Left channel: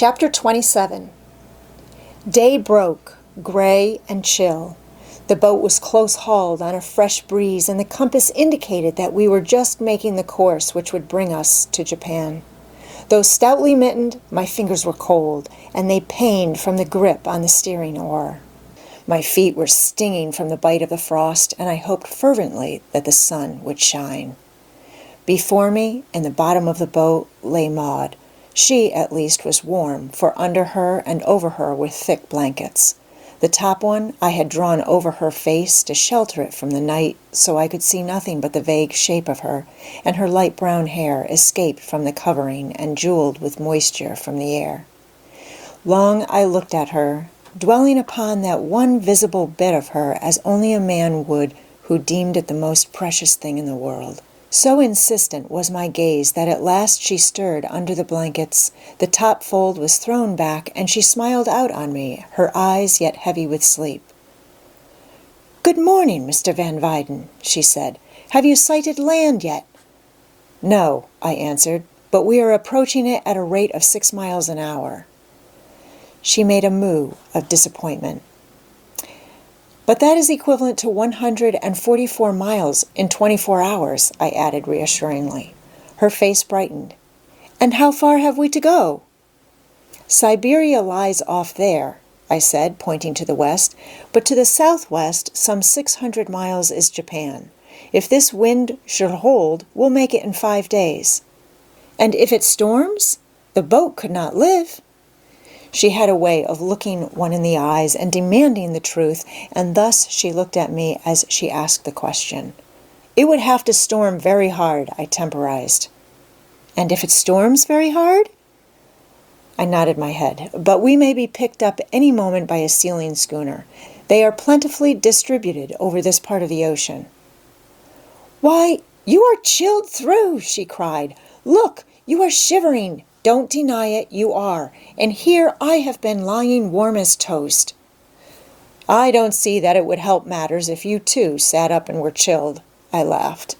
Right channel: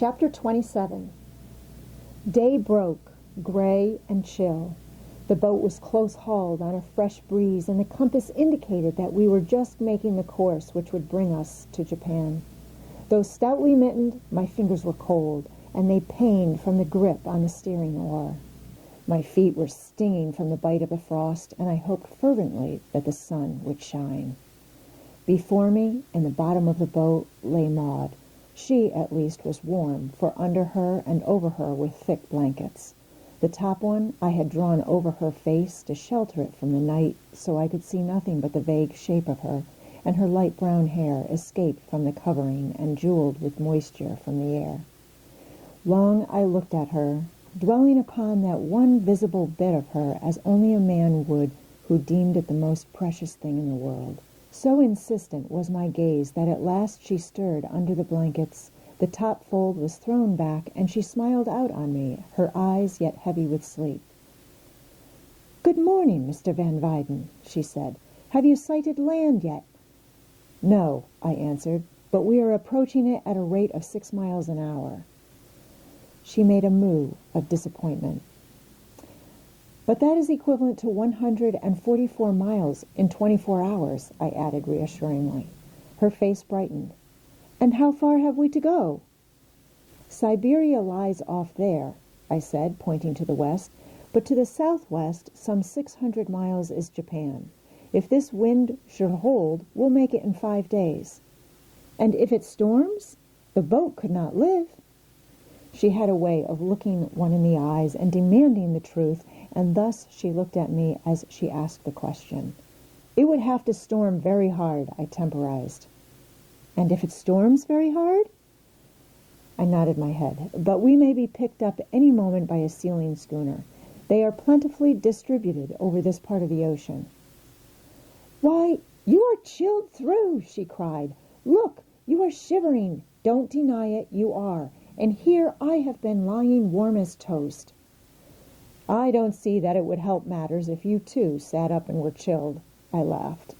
Chapter 27. Day broke, gray and chill. The boat was close-hauled on a fresh breeze, and the compass indicated that we were just making the course which would bring us to Japan. Though stoutly mittened, my fingers were cold, and they pained from the grip on the steering oar. My feet were stinging from the bite of the frost, and I hoped fervently that the sun would shine. Before me, in the bottom of the boat, lay Maud. She, at least, was warm, for under her and over her were thick blankets. The top one I had drawn over her face to shelter it from the night, so I could see nothing but the vague shape of her, and her light brown hair escaped from the covering and jeweled with moisture from the air. Long I looked at her, dwelling upon that one visible bit of her as only a man would who deemed it the most precious thing in the world. So insistent was my gaze that at last she stirred under the blankets, the top fold was thrown back, and she smiled out on me, her eyes yet heavy with sleep. "Good morning, Mr. Van Weyden," she said. "Have you sighted land yet?" "No," I answered, "but we are approaching it at a rate of 6 miles an hour." She made a moue of disappointment. "But that is equivalent to 144 miles in 24 hours, I added reassuringly. Her face brightened. "And how far have we to go?" "Siberia lies off there," I said, pointing to the west, "but to the southwest, some 600 miles is Japan. If this wind should hold, we'll make it in 5 days." "And if it storms? The boat could not live." She had a way of looking one in the eyes and demanding the truth, and thus she looked at me as she asked the question. "It would have to storm very hard," I temporized. "And if it storms very hard?" I nodded my head. "But we may be picked up any moment by a sealing schooner. They are plentifully distributed over this part of the ocean." "Why, you are chilled through," she cried. "Look, you are shivering. Don't deny it, you are. And here I have been lying warm as toast." "I don't see that it would help matters if you too sat up and were chilled," I laughed.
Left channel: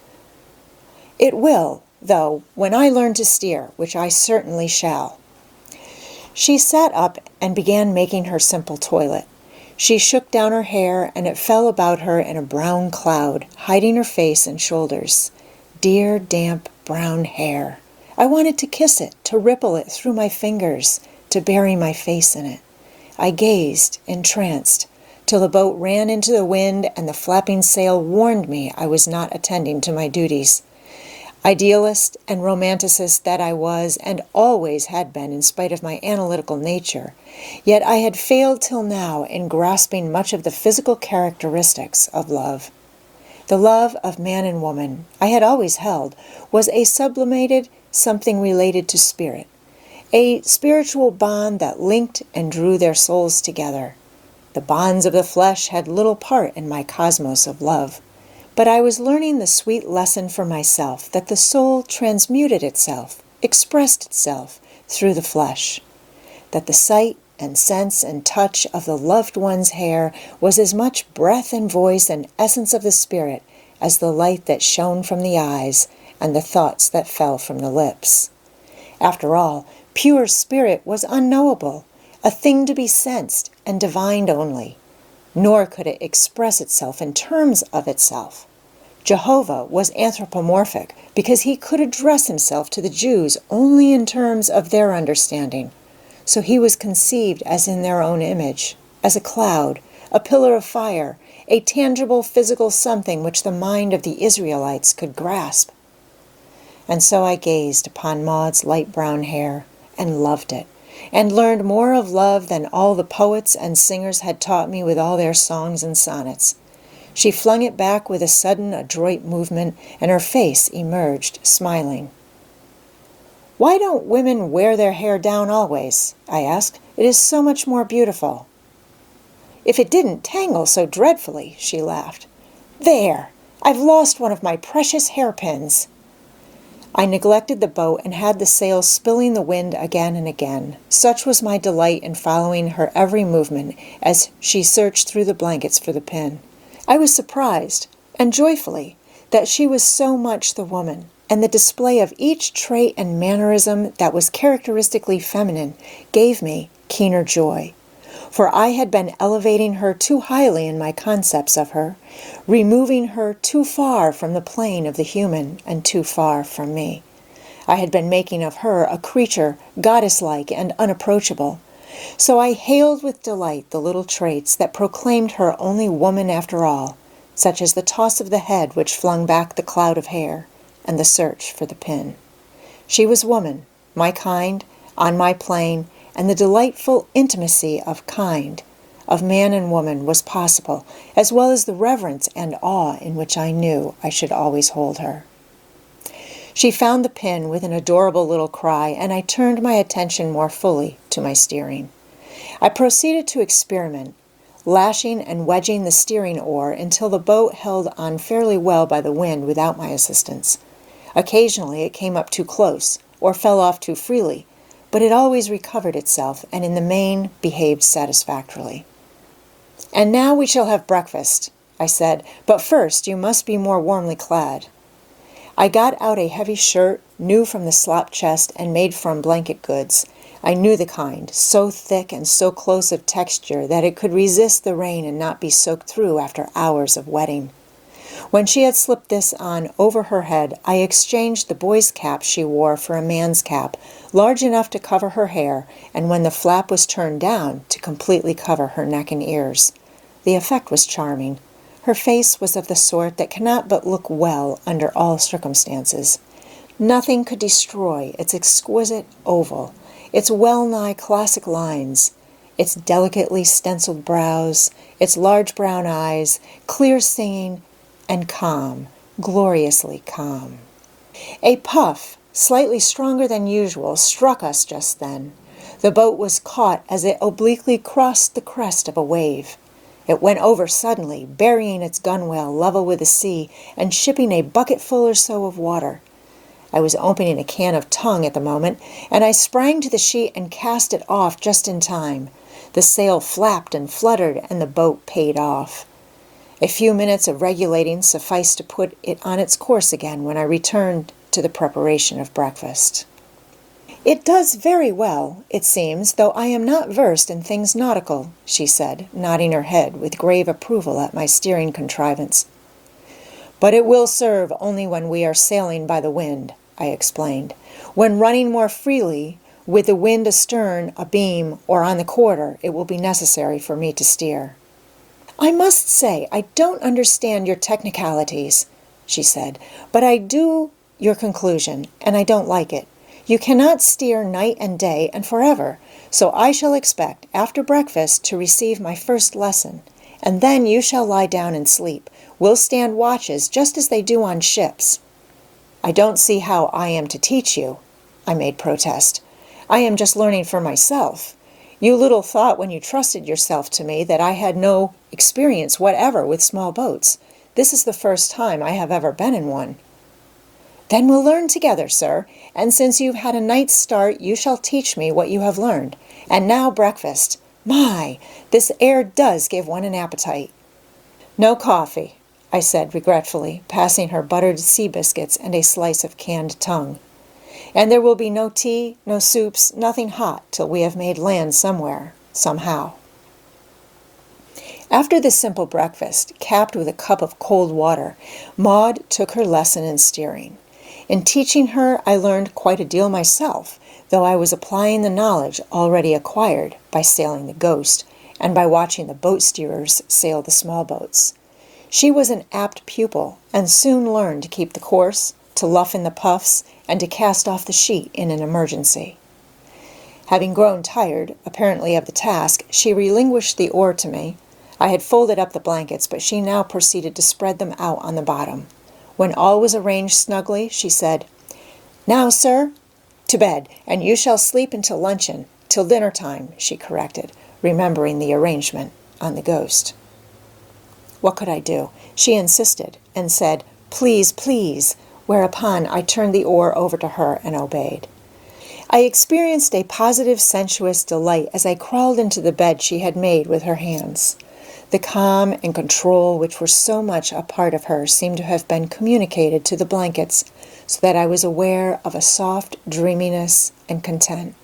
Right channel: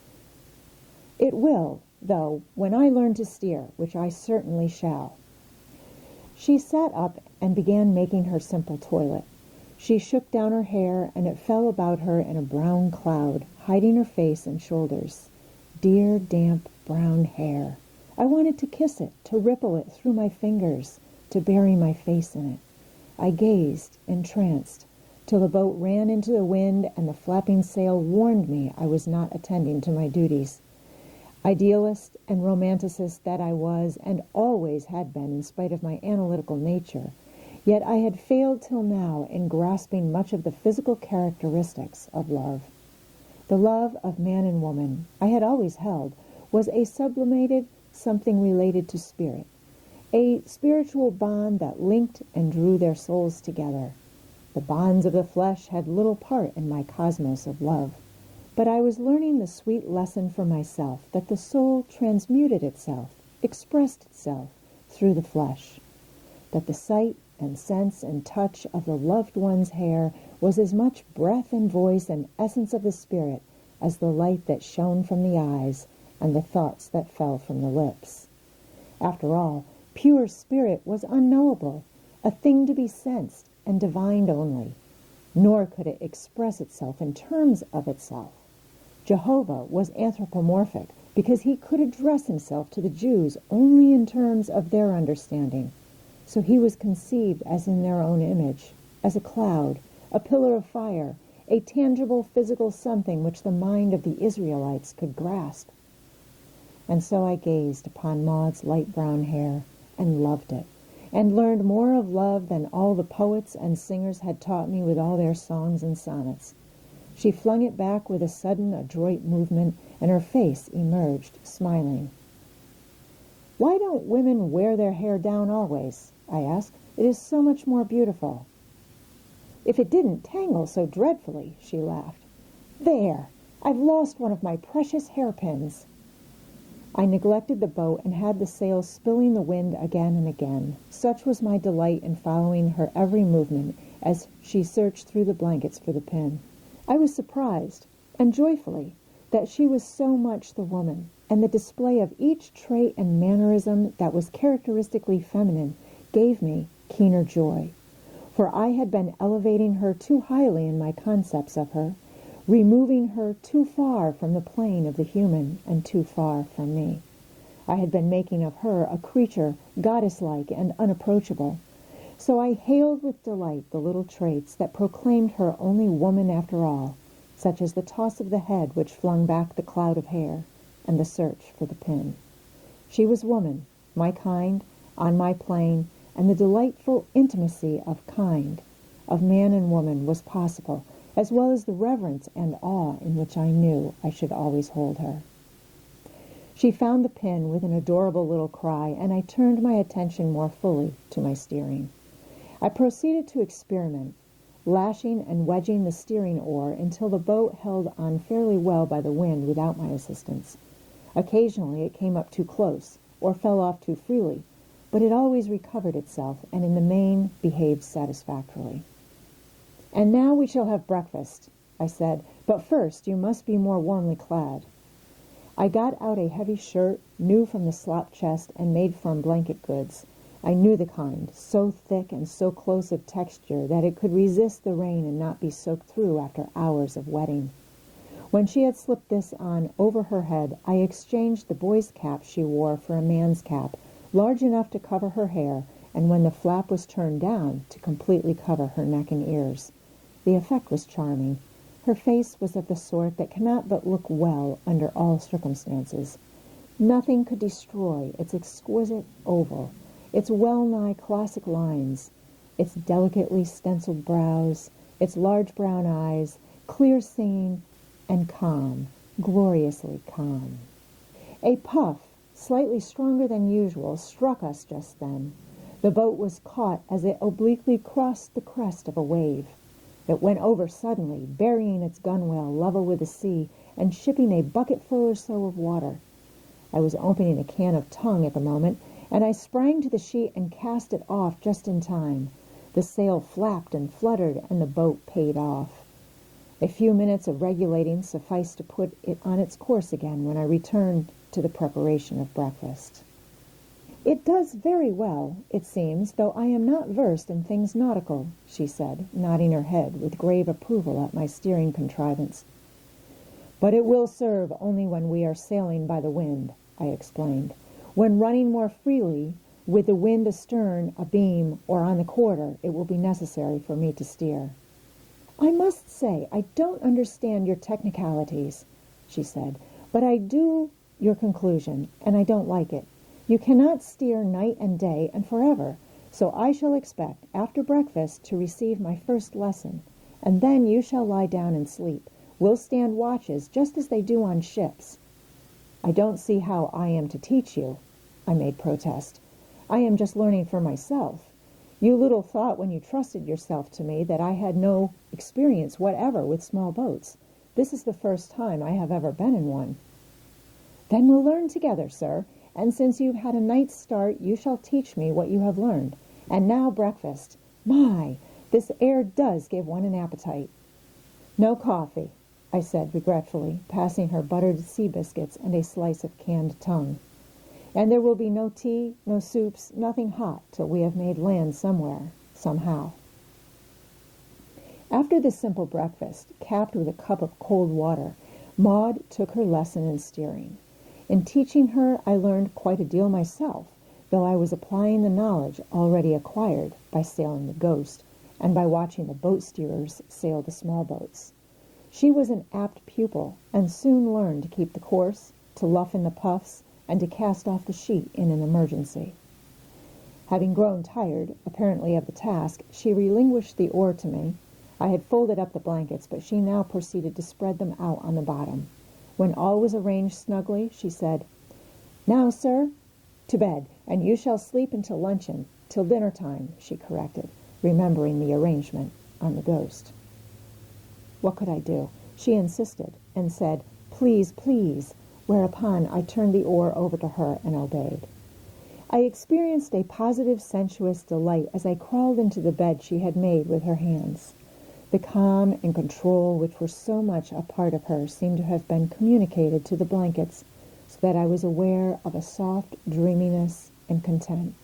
"It will, though, when I learn to steer, which I certainly shall." She sat up and began making her simple toilet. She shook down her hair, and it fell about her in a brown cloud, hiding her face and shoulders. Dear, damp, brown hair. I wanted to kiss it, to ripple it through my fingers, to bury my face in it. I gazed, entranced, till the boat ran into the wind and the flapping sail warned me I was not attending to my duties. Idealist and romanticist that I was, and always had been in spite of my analytical nature, yet I had failed till now in grasping much of the physical characteristics of love. The love of man and woman, I had always held, was a sublimated something related to spirit, a spiritual bond that linked and drew their souls together. The bonds of the flesh had little part in my cosmos of love, but I was learning the sweet lesson for myself that the soul transmuted itself, expressed itself through the flesh, that the sight and sense and touch of the loved one's hair was as much breath and voice and essence of the spirit as the light that shone from the eyes and the thoughts that fell from the lips. After all, pure spirit was unknowable, a thing to be sensed and divined only, nor could it express itself in terms of itself. Jehovah was anthropomorphic because he could address himself to the Jews only in terms of their understanding, so he was conceived as in their own image, as a cloud, a pillar of fire, a tangible physical something which the mind of the Israelites could grasp. And so I gazed upon Maud's light brown hair and loved it, and learned more of love than all the poets and singers had taught me with all their songs and sonnets. She flung it back with a sudden, adroit movement, and her face emerged, smiling. "Why don't women wear their hair down always?" I asked. "It is so much more beautiful." "If it didn't tangle so dreadfully," she laughed. "There! I've lost one of my precious hairpins." I neglected the boat and had the sails spilling the wind again and again. Such was my delight in following her every movement as she searched through the blankets for the pin. I was surprised, and joyfully, that she was so much the woman, and the display of each trait and mannerism that was characteristically feminine gave me keener joy. For I had been elevating her too highly in my concepts of her, removing her too far from the plane of the human and too far from me. I had been making of her a creature goddess-like and unapproachable. So I hailed with delight the little traits that proclaimed her only woman after all, such as the toss of the head which flung back the cloud of hair, and the search for the pin. She was woman, my kind, on my plane, and the delightful intimacy of kind, of man and woman, was possible, as well as the reverence and awe in which I knew I should always hold her. She found the pin with an adorable little cry, and I turned my attention more fully to my steering. I proceeded to experiment, lashing and wedging the steering oar until the boat held on fairly well by the wind without my assistance. Occasionally it came up too close, or fell off too freely, but it always recovered itself, and in the main behaved satisfactorily. "And now we shall have breakfast," I said, "but first you must be more warmly clad." I got out a heavy shirt, new from the slop chest and made from blanket goods. I knew the kind, so thick and so close of texture that it could resist the rain and not be soaked through after hours of wetting. When she had slipped this on over her head, I exchanged the boy's cap she wore for a man's cap, large enough to cover her hair, and when the flap was turned down, to completely cover her neck and ears. The effect was charming. Her face was of the sort that cannot but look well under all circumstances. Nothing could destroy its exquisite oval, its well-nigh classic lines, its delicately stenciled brows, its large brown eyes, clear singing, and calm, gloriously calm. A puff, slightly stronger than usual, struck us just then. The boat was caught as it obliquely crossed the crest of a wave. It went over suddenly, burying its gunwale level with the sea and shipping a bucketful or so of water. I was opening a can of tongue at the moment, and I sprang to the sheet and cast it off just in time. The sail flapped and fluttered, and the boat paid off. A few minutes of regulating sufficed to put it on its course again when I returned to the preparation of breakfast. "It does very well, it seems, though I am not versed in things nautical," she said, nodding her head with grave approval at my steering contrivance. "But it will serve only when we are sailing by the wind," I explained. "When running more freely, with the wind astern, abeam, or on the quarter, it will be necessary for me to steer." "I must say I don't understand your technicalities," she said, "but I do your conclusion, and I don't like it. You cannot steer night and day and forever, so I shall expect, after breakfast, to receive my first lesson, and then you shall lie down and sleep. We'll stand watches just as they do on ships." "I don't see how I am to teach you," I made protest. "I am just learning for myself. You little thought when you trusted yourself to me that I had no experience whatever with small boats. This is the first time I have ever been in one." "Then we'll learn together, sir, and since you've had a night's start, you shall teach me what you have learned. And now breakfast. My, this air does give one an appetite." "No coffee," I said regretfully, passing her buttered sea biscuits and a slice of canned tongue. "And there will be no tea, no soups, nothing hot till we have made land somewhere, somehow." After this simple breakfast, capped with a cup of cold water, Maud took her lesson in steering. In teaching her, I learned quite a deal myself, though I was applying the knowledge already acquired by sailing the Ghost and by watching the boat steerers sail the small boats. She was an apt pupil, and soon learned to keep the course, to luff in the puffs, and to cast off the sheet in an emergency. Having grown tired, apparently, of the task, she relinquished the oar to me. I had folded up the blankets, but she now proceeded to spread them out on the bottom. When all was arranged snugly, she said, "Now, sir, to bed, and you shall sleep until luncheon, till dinner time," she corrected, remembering the arrangement on the Ghost. What could I do? She insisted, and said, "Please, please," whereupon I turned the oar over to her and obeyed. I experienced a positive sensuous delight as I crawled into the bed she had made with her hands. The calm and control which were so much a part of her seemed to have been communicated to the blankets, so that I was aware of a soft dreaminess and content,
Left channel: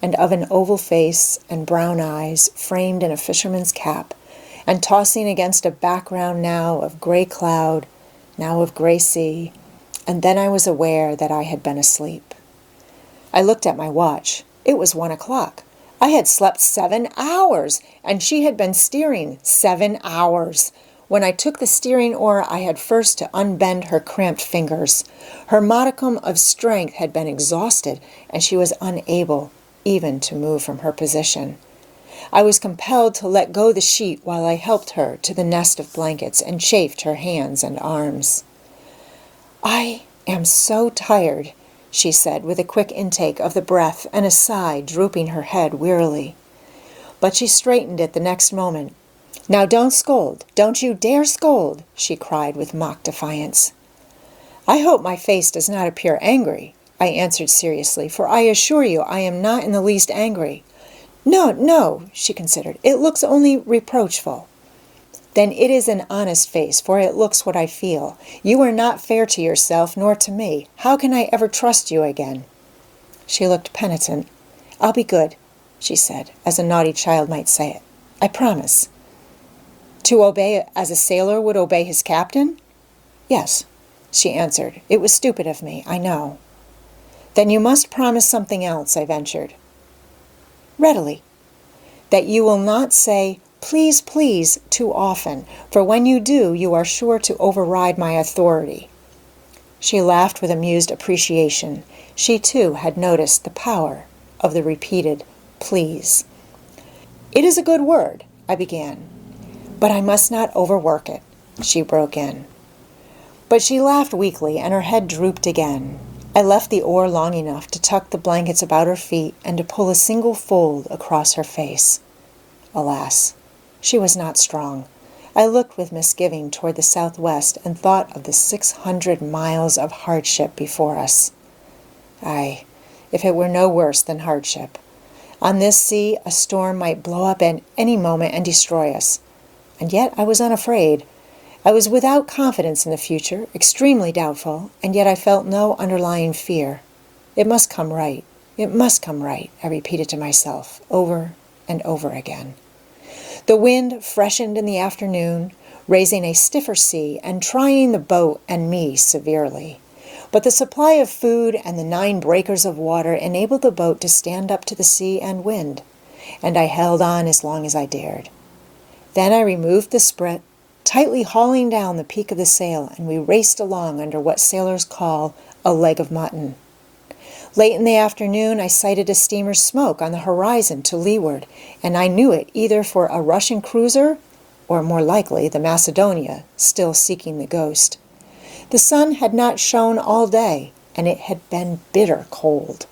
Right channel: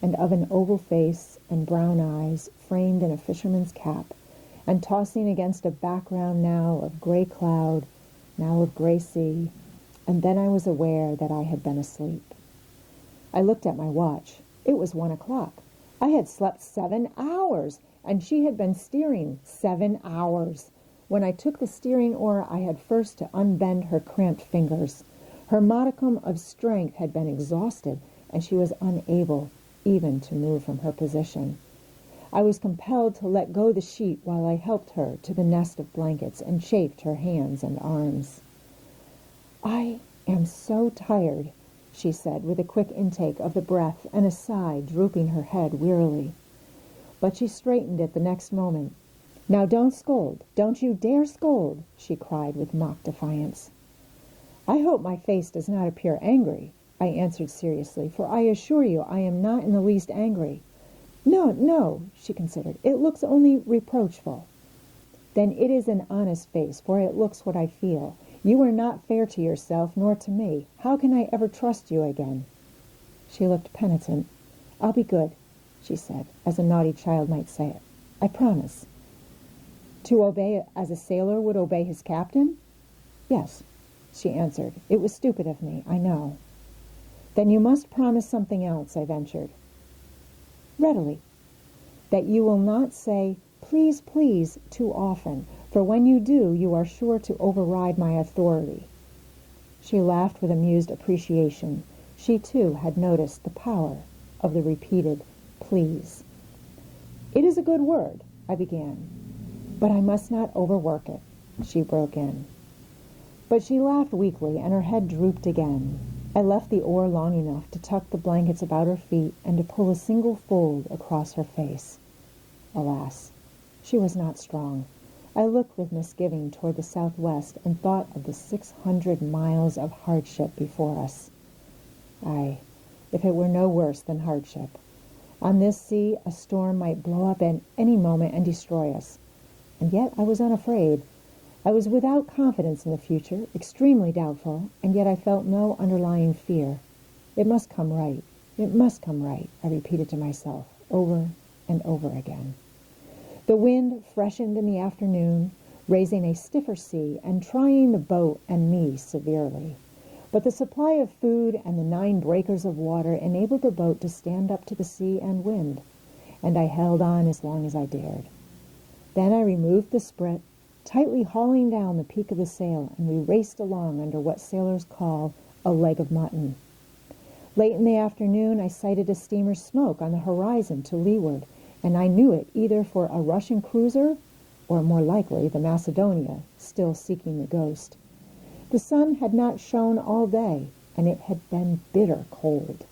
and of an oval face and brown eyes framed in a fisherman's cap, and tossing against a background now of gray cloud, now of gray sea, and then I was aware that I had been asleep. I looked at my watch. It was 1 o'clock. I had slept 7 hours, and she had been steering 7 hours. When I took the steering oar, I had first to unbend her cramped fingers. Her modicum of strength had been exhausted, and she was unable even to move from her position. I was compelled to let go the sheet while I helped her to the nest of blankets and chafed her hands and arms. "I am so tired," she said, with a quick intake of the breath and a sigh, drooping her head wearily. But she straightened it the next moment. "Now don't scold. Don't you dare scold," she cried with mock defiance. "I hope my face does not appear angry," I answered seriously, "for I assure you I am not in the least angry." "No, no," she considered. "It looks only reproachful." "Then it is an honest face, for it looks what I feel. You are not fair to yourself nor to me. How can I ever trust you again?" She looked penitent. "I'll be good," she said, as a naughty child might say it. "I promise." "To obey as a sailor would obey his captain?" "Yes," she answered. "It was stupid of me, I know." "Then you must promise something else," I ventured. "Readily." "That you will not say, 'Please, please,' too often, for when you do, you are sure to override my authority." She laughed with amused appreciation. She, too, had noticed the power of the repeated "please." "It is a good word," I began. "But I must not overwork it," she broke in. But she laughed weakly, and her head drooped again. I left the oar long enough to tuck the blankets about her feet and to pull a single fold across her face. Alas, she was not strong. I looked with misgiving toward the southwest and thought of the 600 miles of hardship before us. Aye, if it were no worse than hardship. On this sea, a storm might blow up at any moment and destroy us. And yet I was unafraid. I was without confidence in the future, extremely doubtful, and yet I felt no underlying fear. It must come right. It must come right, I repeated to myself, over and over again. The wind freshened in the afternoon, raising a stiffer sea and trying the boat and me severely. But the supply of food and the 9 breakers of water enabled the boat to stand up to the sea and wind, and I held on as long as I dared. Then I removed the sprit, tightly hauling down the peak of the sail, and we raced along under what sailors call a leg of mutton. Late in the afternoon, I sighted a steamer's smoke on the horizon to leeward, and I knew it either for a Russian cruiser or, more likely, the Macedonia, still seeking the ghost. The sun had not shone all day, and it had been bitter cold.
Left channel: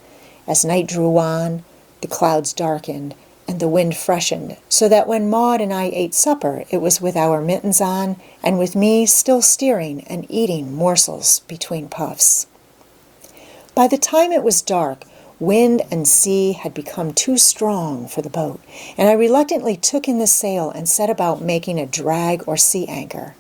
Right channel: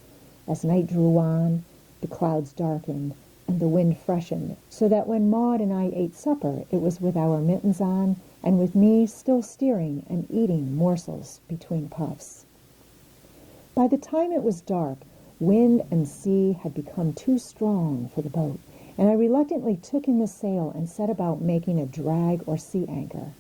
As night drew on, the clouds darkened, and the wind freshened, so that when Maud and I ate supper, it was with our mittens on, and with me still steering and eating morsels between puffs. By the time it was dark, wind and sea had become too strong for the boat, and I reluctantly took in the sail and set about making a drag or sea anchor.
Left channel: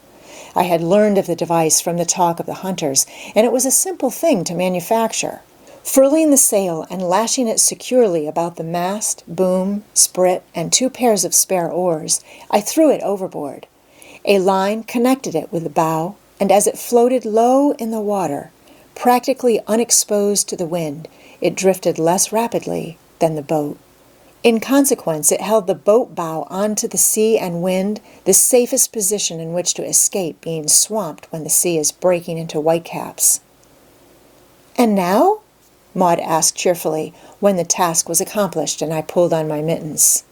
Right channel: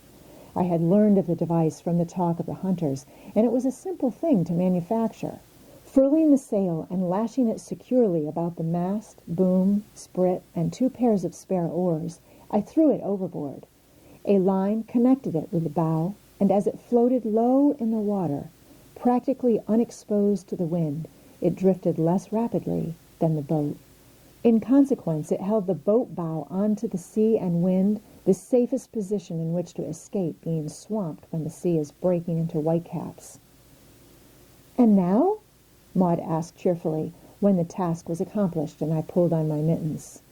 I had learned of the device from the talk of the hunters, and it was a simple thing to manufacture. Furling the sail and lashing it securely about the mast, boom, sprit, and 2 pairs of spare oars, I threw it overboard. A line connected it with the bow, and as it floated low in the water, practically unexposed to the wind, it drifted less rapidly than the boat. In consequence, it held the boat bow onto the sea and wind, the safest position in which to escape being swamped when the sea is breaking into whitecaps. "And now?" Maud asked cheerfully, when the task was accomplished and I pulled on my mittens.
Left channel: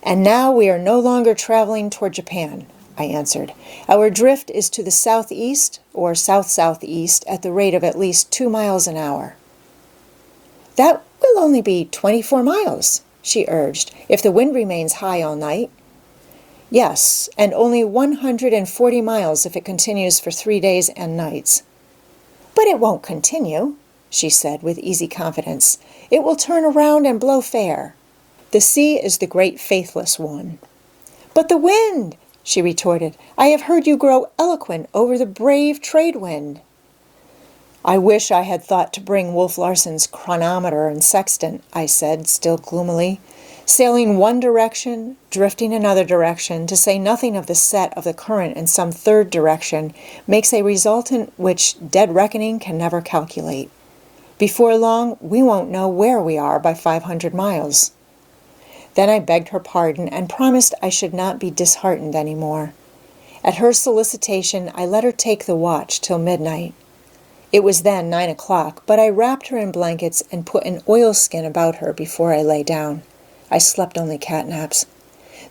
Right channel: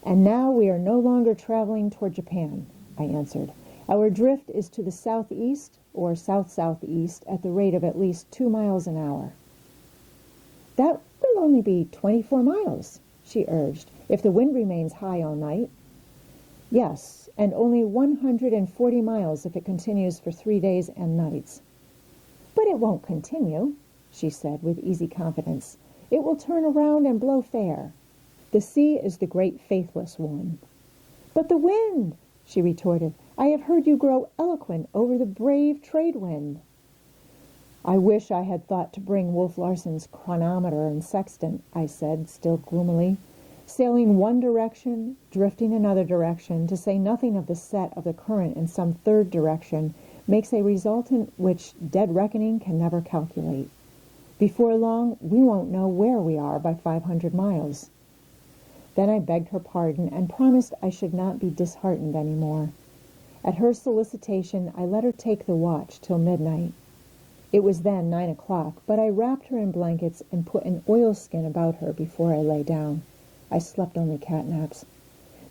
"And now we are no longer traveling toward Japan," I answered. "Our drift is to the southeast or south-southeast at the rate of at least 2 miles an hour." "That will only be 24 miles, she urged, "if the wind remains high all night." "Yes, and only 140 miles if it continues for 3 days and nights." "But it won't continue," she said with easy confidence. "It will turn around and blow fair. The sea is the great faithless one." "But the wind," she retorted. "I have heard you grow eloquent over the brave trade wind." I wish I had thought to bring Wolf Larson's chronometer and sextant, I said, still gloomily. Sailing one direction, drifting another direction, to say nothing of the set of the current in some third direction, makes a resultant which dead reckoning can never calculate. Before long, we won't know where we are by 500 miles. Then I begged her pardon and promised I should not be disheartened any more. At her solicitation, I let her take the watch till midnight. It was then 9 o'clock, but I wrapped her in blankets and put an oilskin about her before I lay down. I slept only catnaps.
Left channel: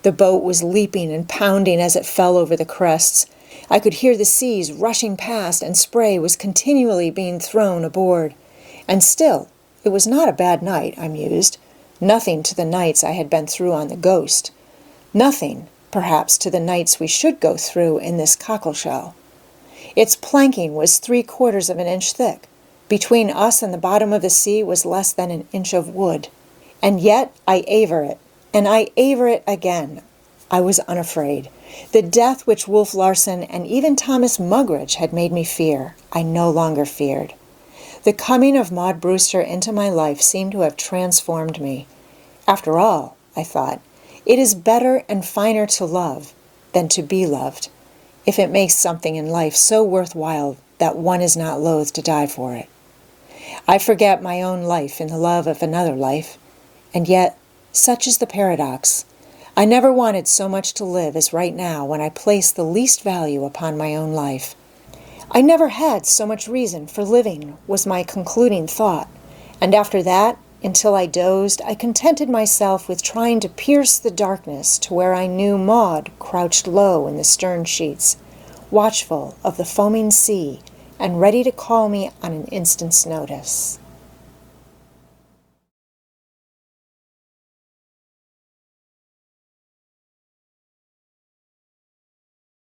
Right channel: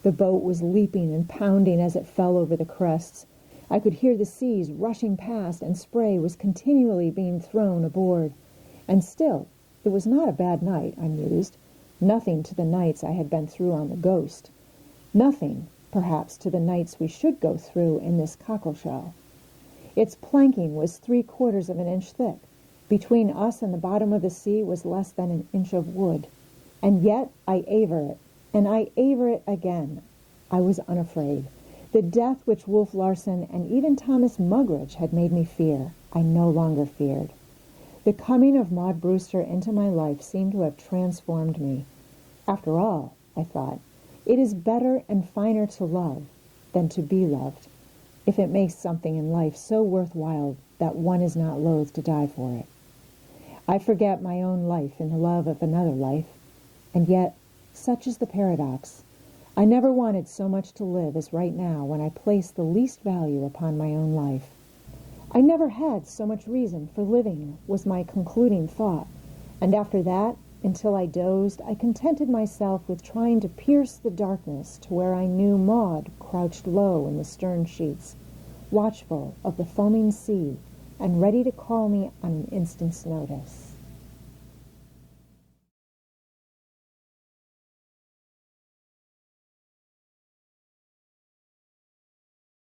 The boat was leaping and pounding as it fell over the crests. I could hear the seas rushing past, and spray was continually being thrown aboard. And still, it was not a bad night, I mused. Nothing to the nights I had been through on the Ghost. Nothing, perhaps, to the nights we should go through in this cockleshell. Its planking was 3/4 of an inch thick. Between us and the bottom of the sea was less than an inch of wood. And yet I aver it, and I aver it again. I was unafraid. The death which Wolf Larson and even Thomas Mugridge had made me fear, I no longer feared. The coming of Maud Brewster into my life seemed to have transformed me. After all, I thought, it is better and finer to love than to be loved, if it makes something in life so worthwhile that one is not loath to die for it. I forget my own life in the love of another life, and yet, such is the paradox. I never wanted so much to live as right now when I place the least value upon my own life. I never had so much reason for living, was my concluding thought, and after that, until I dozed, I contented myself with trying to pierce the darkness to where I knew Maud crouched low in the stern sheets, watchful of the foaming sea and ready to call me on an instant's notice.